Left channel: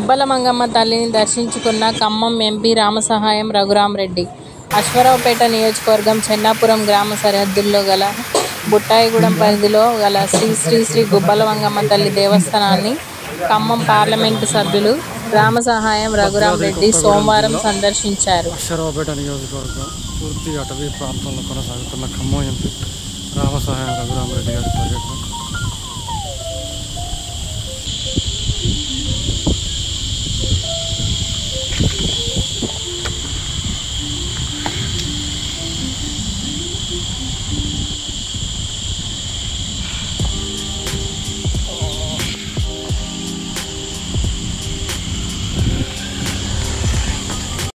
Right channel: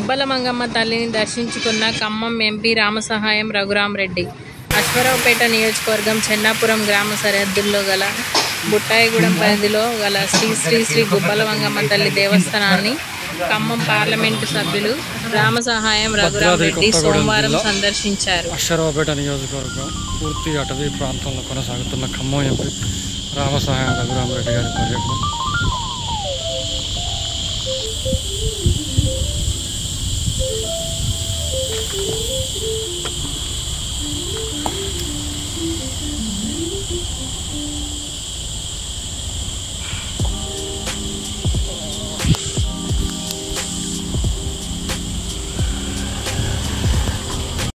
గుబ్బల మంగమ్మ తల్లిని దర్శించుకున్న ఖమ్మం ఎంపీ రామసహాయం రఘురామరెడ్డి. అశ్వారావుపేట నియోజకవర్గం చెన్నాపురం గ్రామ సరిహద్దుల్లో గల బుట్టాయిగూడెం పరిధిలో గల శ్రీ శ్రీ శ్రీ గుబ్బల మంగమ్మ తల్లి దేవస్థానాన్ని ఖమ్మం పార్లమెంటు సభ్యులు రామసహాయం రఘురామరెడ్డి సోమవారం సందర్శించారు. అశ్వారావుపేట నియోజకవర్గం పూర్తి అటవీ ప్రాంతంలో కొనసాగుతున్న ఖమ్మం ఎంపీ రామసహాయం రఘురామరెడ్డి గారి పర్యటన